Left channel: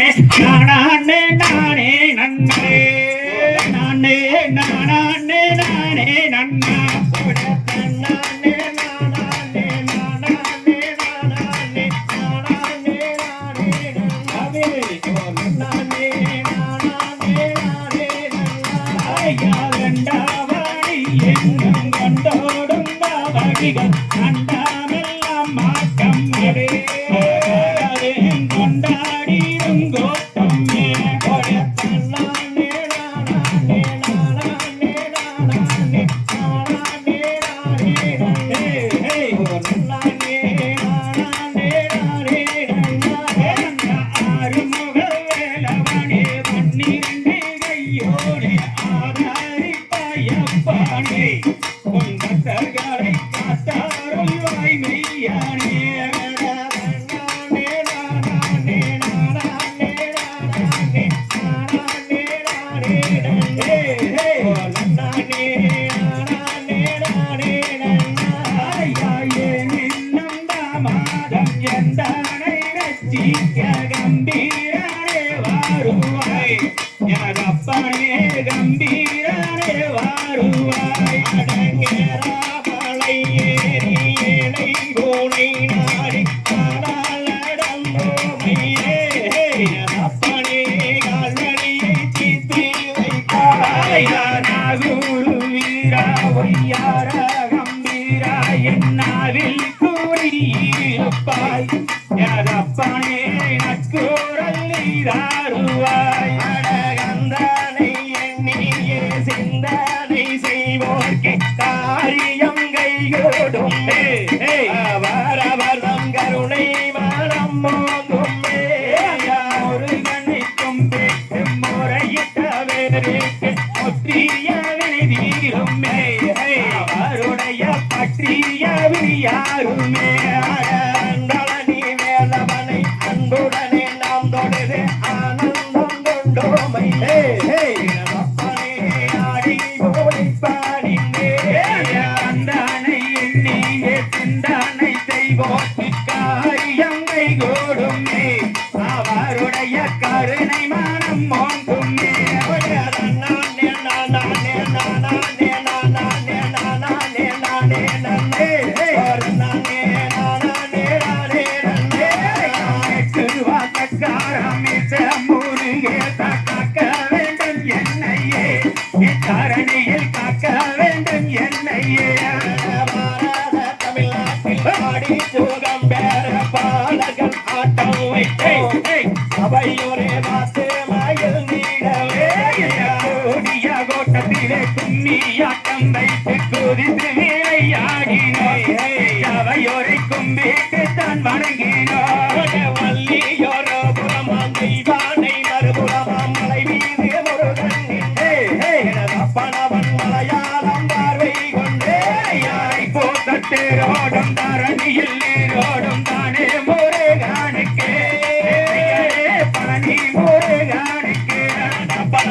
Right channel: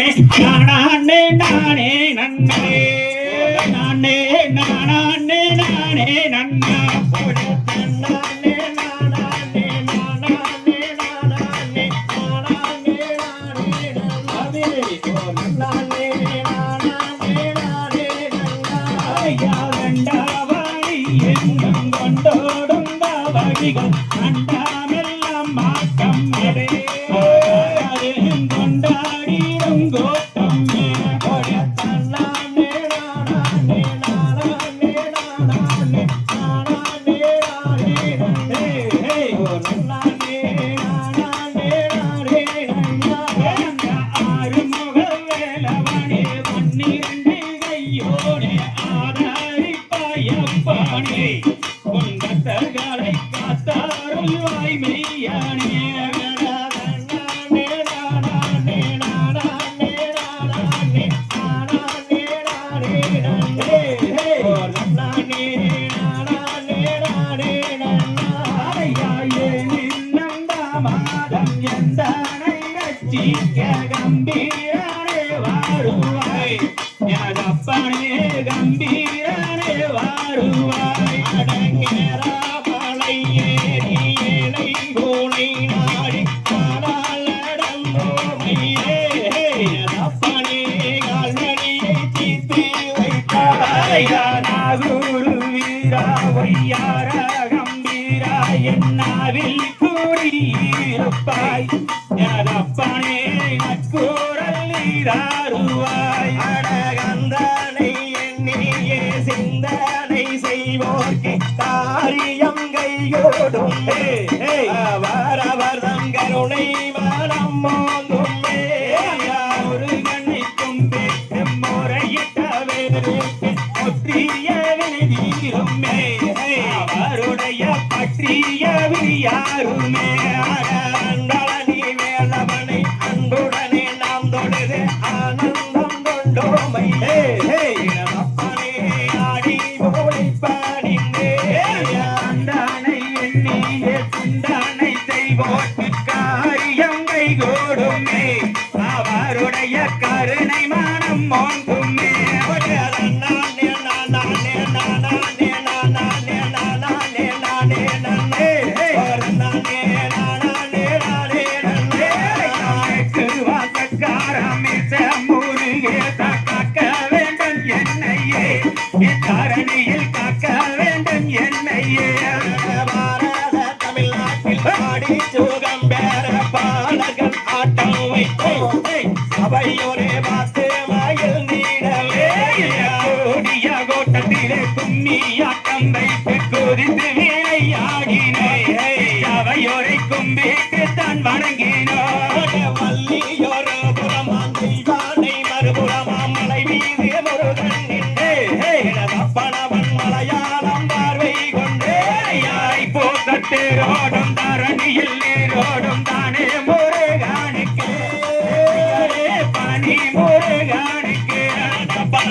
நானே நானே நன்னே நானே நானே நானே நன்னா போட நானே நானே நாடம் எந்தானை நச்சிக்க என்னாவில் கூறியிருப்பாய் எனதப்பனே நக்கூறல் நீராருவாய் அடகந்தானை எண்ணியே சிந்தனை செய்வோர்க்கு காரியம் கைகூடும். அவர் தம் கருணை மனம் மோதும். ஒரு கண்ணிக்கும் முறையிட்ட வேறேக்கு ஒற்றிய வெளிவீரும் அவருடைய பற்றிய யாருமே. தரணியே சபையோரே மாத்து மயில் நீடவே ஓடிய கோட்டத்திலே கும்மியாட்டம் வைத்து குறித்து விளையாடினே அவையோரை கும்பிட்டு தான் வணங்கினோ. வள்ளியோரோ புறமாம் தெய்வானை மறுபுறமாம் மலை மீது முருகன் நின்றே. பணவன் மலையாளம் பார்வை கொண்டே. யாரை போட்டேரோடும் தரணியில் நேரோடும் தானே முருகானுக்கே.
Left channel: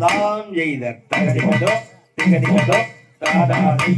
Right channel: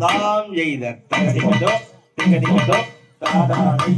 நாம் எய்தர் தகதிமதோ திகதிமதோ தாதானை